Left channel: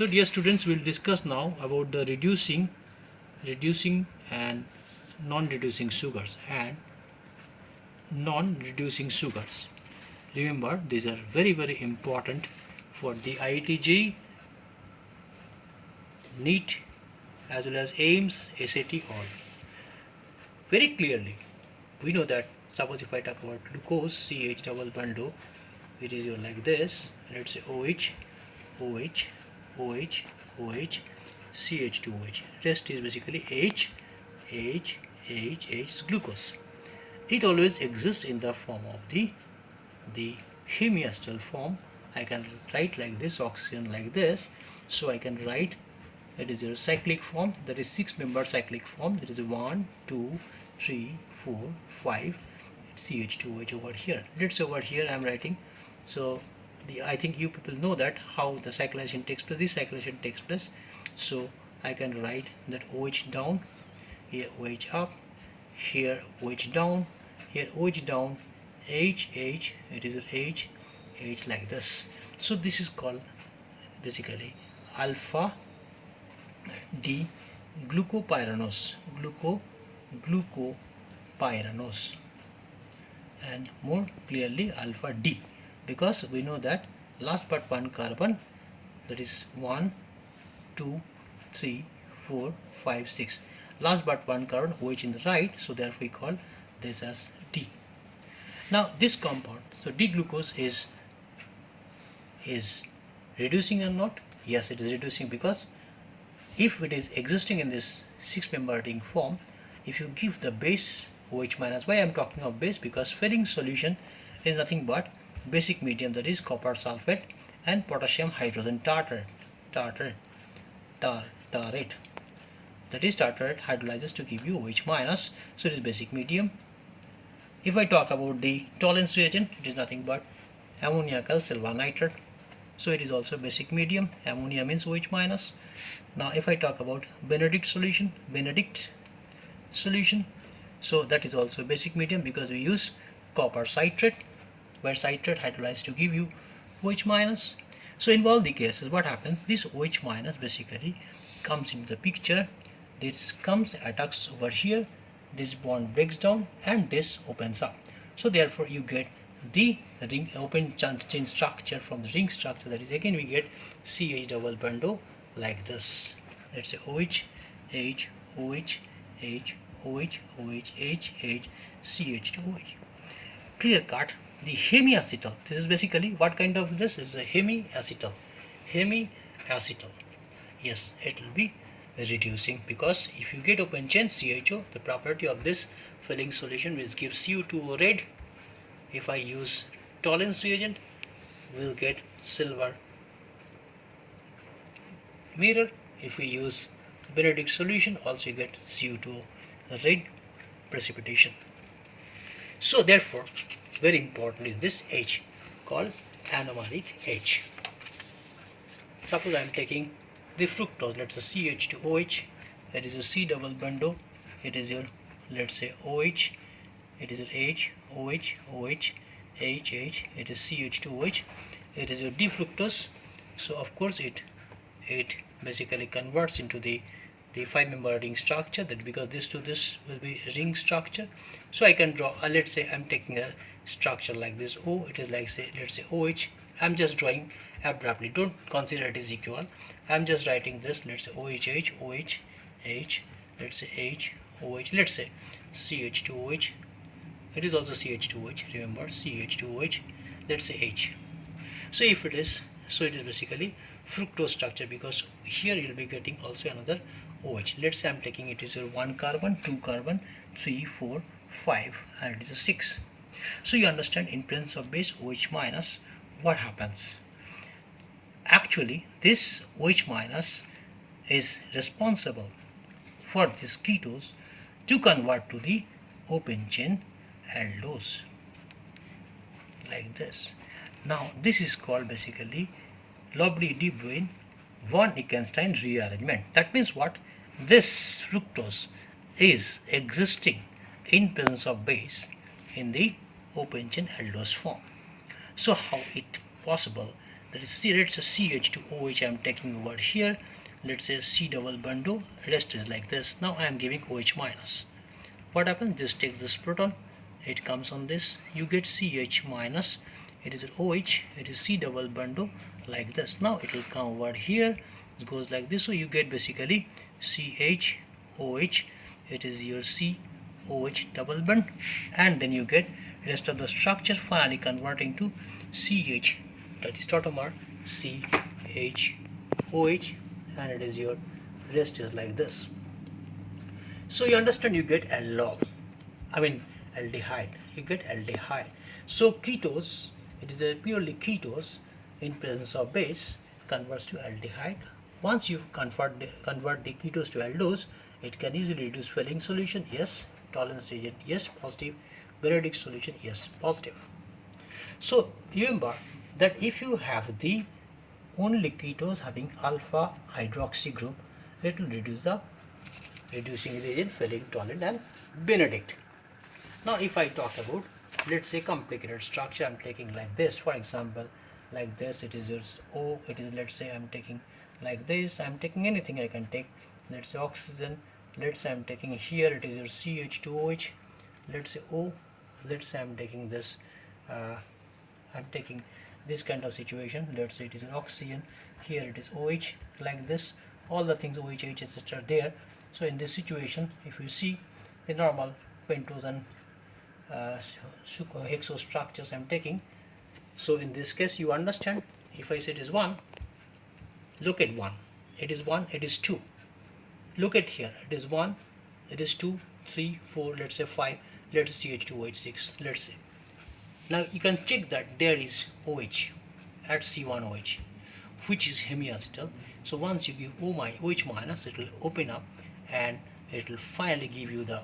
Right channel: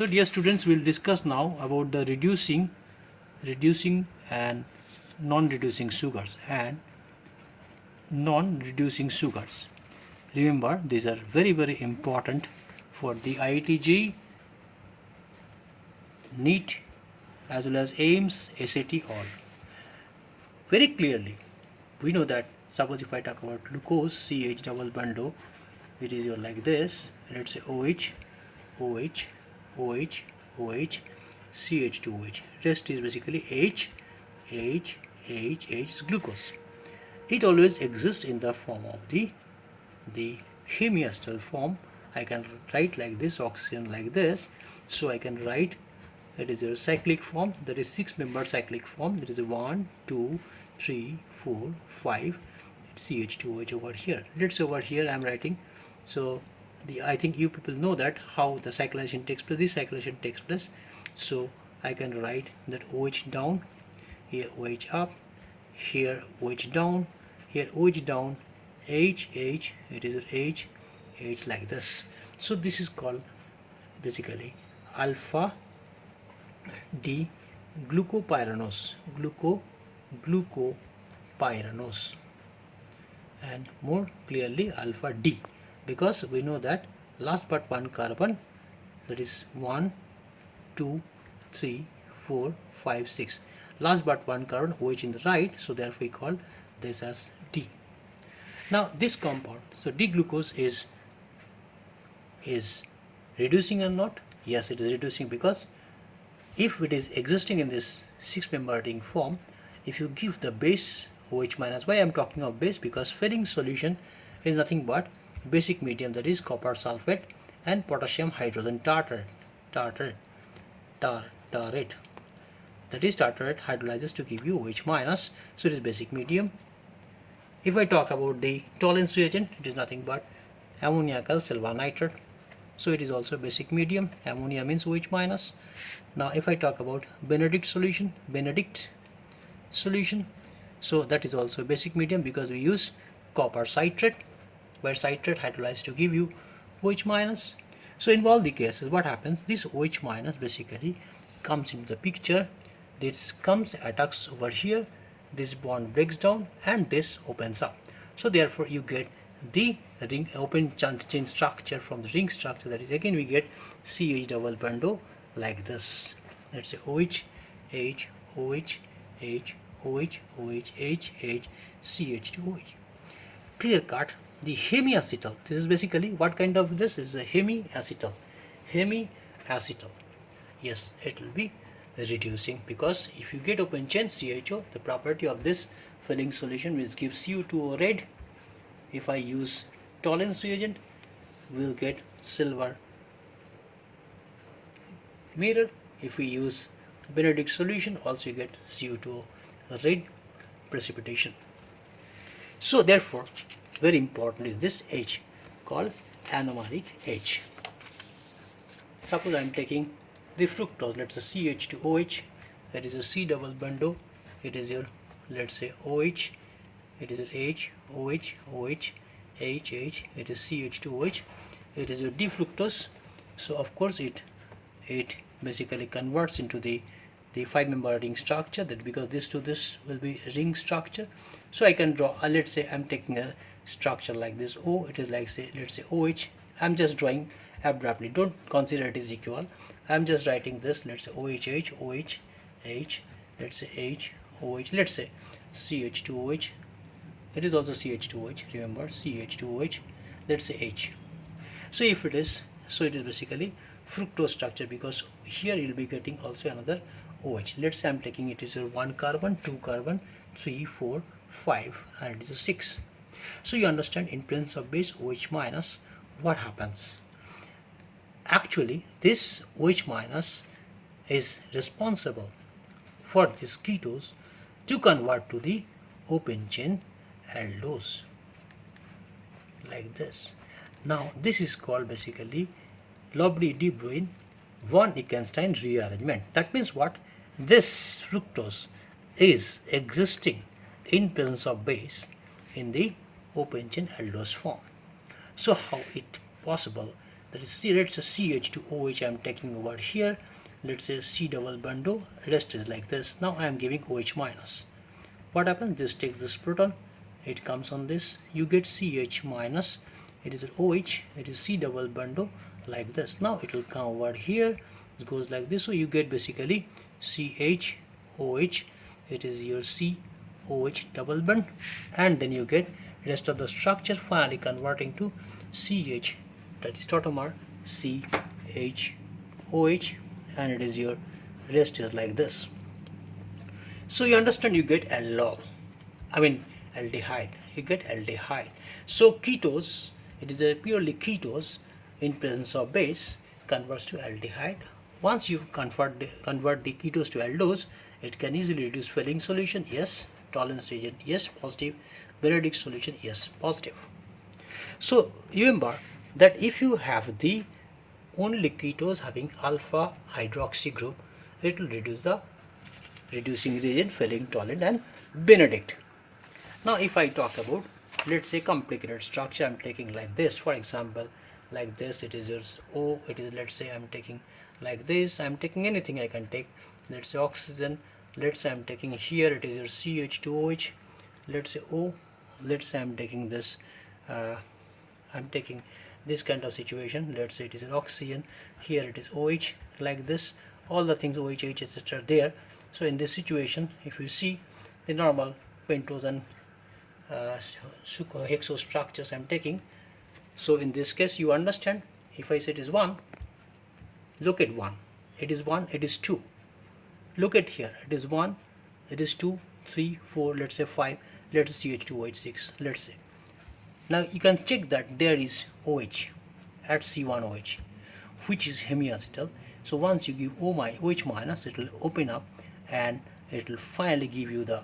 So dear students, we'll discuss now about the reducing and non-reducing sugars and non-reducing sugars. Remember, these are very important for the IIT JEE, NEET as well as AIIMS, SAT all. Very clearly, we know that suppose if I talk about glucose, CH double bond O, which is your like this, let's say OH, OH, OH, OH, CH2OH. Rest is basically H, H, H, H, glucose. It always exists in the form of the hemiacetal form. I can write like this, oxygen like this. So I can write that is a cyclic form, that is 6-member cyclic form. That is a 1, 2, 3, 4, 5 CH2OH over here. Let's say over here I am writing. So I think you people know that how the cyclization takes place. This cyclization takes place. So I can write that OH down, here OH up, here OH down, here OH down, H, H, it is H, H like this. So this is called basically alpha D glucopyranose, glucopyranose, and more clearly alpha D, because we know that last but one carbon, that is 1, 2, 3, 4, 5, 6. Last but one carbon OH in the right, so therefore we call this as D. Now this compound, so D-glucose is reducing or not? Yes, it is reducing, because if it is existing in this 6-member ring form, if you give the base OH minus, why I am talking of base, because filling solution is nothing but basic medium, that is copper sulfate and potassium hydrogen tartrate. That is tartrate hydrolyzes to give you OH minus, so it is basic medium. If I talk about the tolerance reagent, it is nothing but ammoniacal silver nitrate, so it is also basic medium. Ammonia means OH minus. Now if I talk about Benedict solution, so that is also basic medium, because we use copper citrate, where citrate hydrolyzes to give you OH minus. So in all the cases, what happens, this OH minus basically comes into the picture. This comes, attacks over here, this bond breaks down and this opens up. So therefore you get the ring open chain structure from the ring structure. That is, again we get CH double bond O like this. Let's say OH, H, OH, H, OH, OH, H, H, CH2OH. Clear cut. The hemiacetal, this is basically what kind of this is a hemiacetal. Yes, it will be reducing, because if you get open chain CHO, the property of this filling solution which gives CO2O red. If I use tolerance reagent, we'll get silver mirror. If we use Benedict solution, also you get CO2O red precipitation. So therefore, very important is this H, called anomeric H. Suppose I am taking the fructose, let's say CH2OH, that is a C double bond O, it is your, let's say OH, it is your H, OH, OH, H, H, it is CH2OH, it is your D-fructose. So of course it basically converts into the 5-member ring structure, that because this to this will be ring structure. So I can draw, let's say I'm taking a structure like this O, it is like, say, let's say OH. I'm just drawing abruptly, don't consider it is equal. I'm just writing this, let's say OH, OH, H, let's say H, OH, let's say CH2OH, it is also CH2OH, remember CH2OH, let's say H. So if it is, so it is basically fructose structure, because here you'll be getting also another OH. Let's say I'm taking it is a 1 carbon, 2 carbon, 3, 4, 5, and it is a 6. So you understand, in presence of base OH minus, what happens? Actually, this OH minus is responsible for these ketones to convert to the open chain aldose like this. Now this is called basically Lobby-de Bruyn von Eckenstein rearrangement. That means what? This fructose is existing in presence of base in the open chain aldose form. So how it possible That is C, let's say CH2OH I am taking over here. Let's say C double bond O, rest is like this. Now I am giving OH minus. What happens? This takes this proton, it comes on this, you get CH minus, it is OH, it is C double bond O, like this. Now it will come over here, it goes like this, so you get basically CHOH, it is your COH double bond, and then you get rest of the structure finally converting to CH, that is tautomere CHOH, and it is your rest is like this. So you understand, you get aldehyde, you get aldehyde. So ketose, it is a purely ketose in presence of base converts to aldehyde. Once you convert the ketose to aldose, it can easily reduce Fehling solution, yes. Tolerance reagent, yes, positive. Benedict solution, yes, positive. So remember that if you have the only ketose having alpha hydroxy group, it will reduce the reducing reagent, Fehling, tolerant, and Benedict. Now if I talk about, let's say, complicated structure, I'm taking like this, for example, like this, it is just O, it is, let's say I'm taking like this, I'm taking anything I can take, let's say oxygen, let's say I'm taking here, it is your CH2OH, let's say O, let's say I'm taking this, I'm taking this kind of situation, let's say it is an oxygen, here it is OH, like this, all the things OH, H, etc. there. So in this situation, if you see the normal pentose and hexose structures I'm taking, so in this case you understand, if I say it is 1, look at 1, it is 1, it is 2, look at here, it is 1, it is 2, 3, 4, let's say 5, let's say CH2OH 6, let's say. Now you can check that there is OH at C1OH, which is hemiacetal. So once you give OH minus, it will open up and it will finally give you the,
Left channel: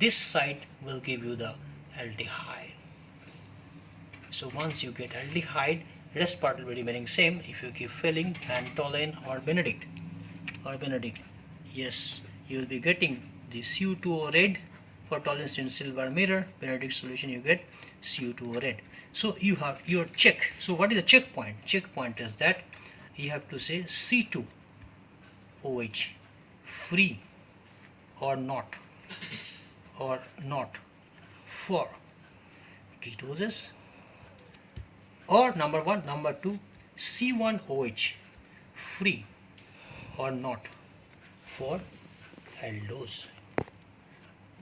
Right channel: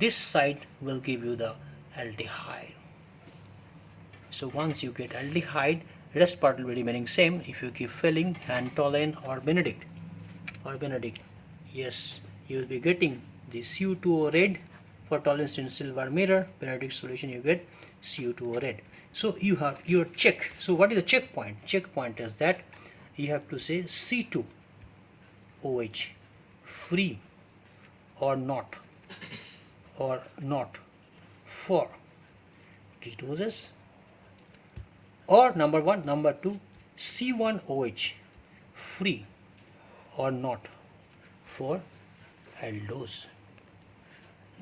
this side will give you the aldehyde. So once you get aldehyde, rest part will be remaining same. If you give Fehling and Tolen or Benedict, yes, you will be getting the Cu2O red. For tolerance in silver mirror, Benedict solution, you get Cu2O red. So you have your check. So what is the checkpoint? Checkpoint is that you have to say C2OH free or not for ketoses, or number 1, number 2, C1OH free or not for aldose.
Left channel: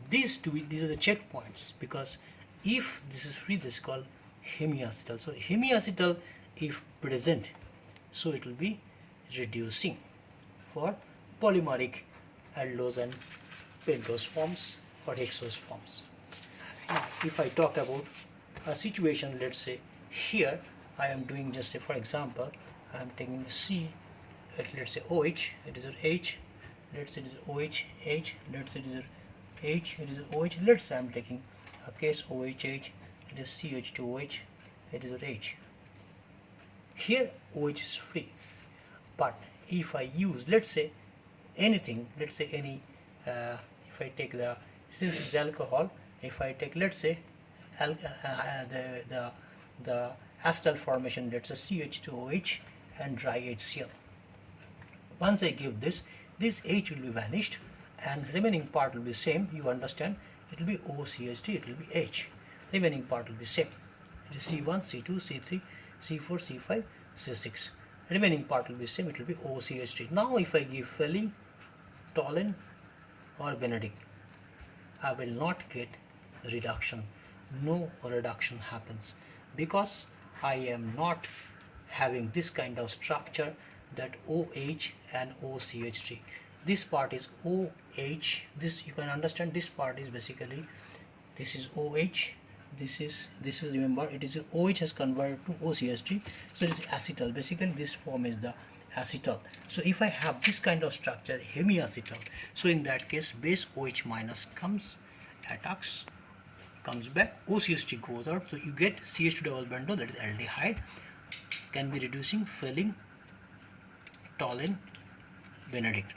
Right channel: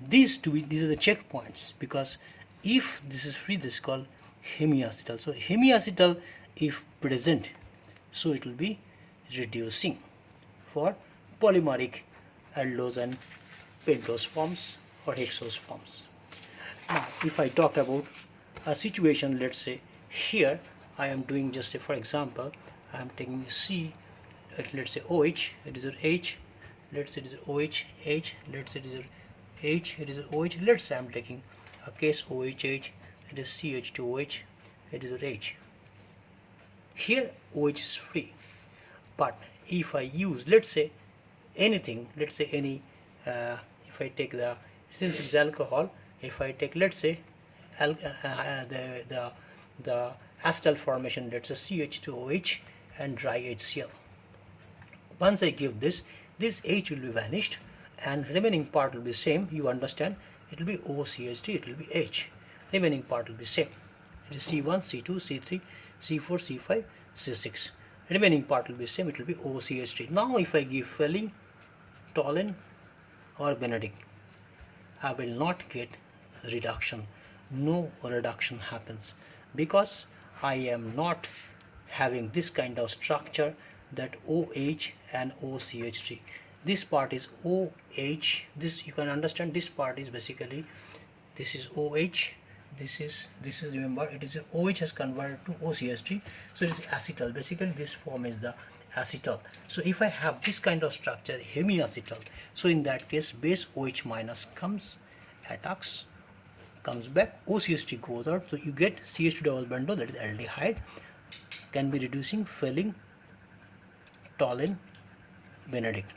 These are the checkpoints, because if this is free, this is called hemiacetal. So hemiacetal if present, so it will be reducing for polymeric aldose and pentose forms or hexose forms. Now if I talk about a situation, let's say here I am doing, just say for example, I am taking C, let's say OH, it is H, let's say it is OH, H, let's say it is H, it is OH, let's say I am taking a case OH, H, it is CH2OH, it is H. Here OH is free, but if I use, let's say anything, let's say any, if I take the, since it's alcohol, if I take, let's say the acetal formation, let's say CH2OH and dry HCl. Once I give this H will be vanished and remaining part will be same. You understand, it will be OCH3, it will be H, remaining part will be same. It is C1, C2, C3, C4, C5, C6, remaining part will be same, it will be OCH3. Now if I give Fehling, Tolen or Benedict, I will not get reduction, no reduction happens, because I am not having this kind of structure, that OH and OCH3. This part is OH, this you can understand, this part is basically, this is OH, this is remember it is OH has converted to OCH3, so it is acetal. Basically this form is the acetal. So if I have this kind of structure, hemiacetal, so in that case base OH minus comes, attacks, comes back, OCH3 goes out, so you get CH2 double bond, that is aldehyde, can be reducing Fehling, Tolen, Benedict.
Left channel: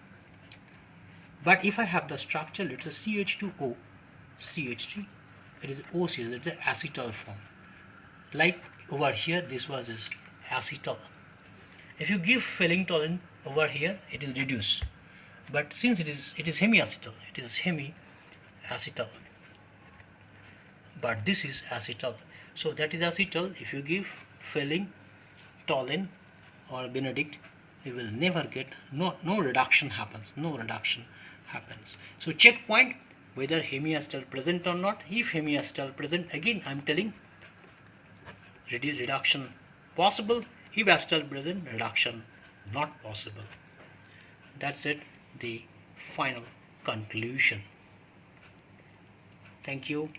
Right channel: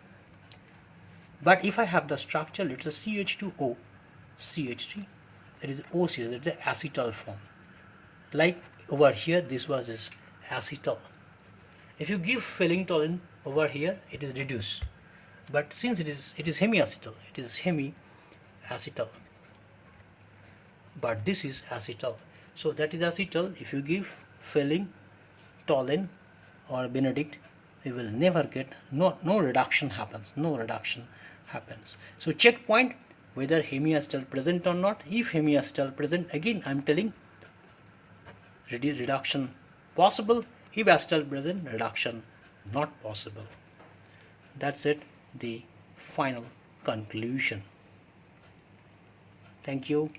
But if I have the structure, let's say CH2O, CH3, it is OCH, it is the acetal form. Like over here, this was is acetal. If you give phenytoin over here, it is reduced. But since it is hemiacetal, but this is acetal. So that is acetal. If you give phenytoin or Benedict, you will never get, no reduction happens. So check point whether hemiacetal present or not. If hemiacetal present, again I am telling reduction possible. If acetal present, reduction not possible. That's it, the final conclusion. Thank you.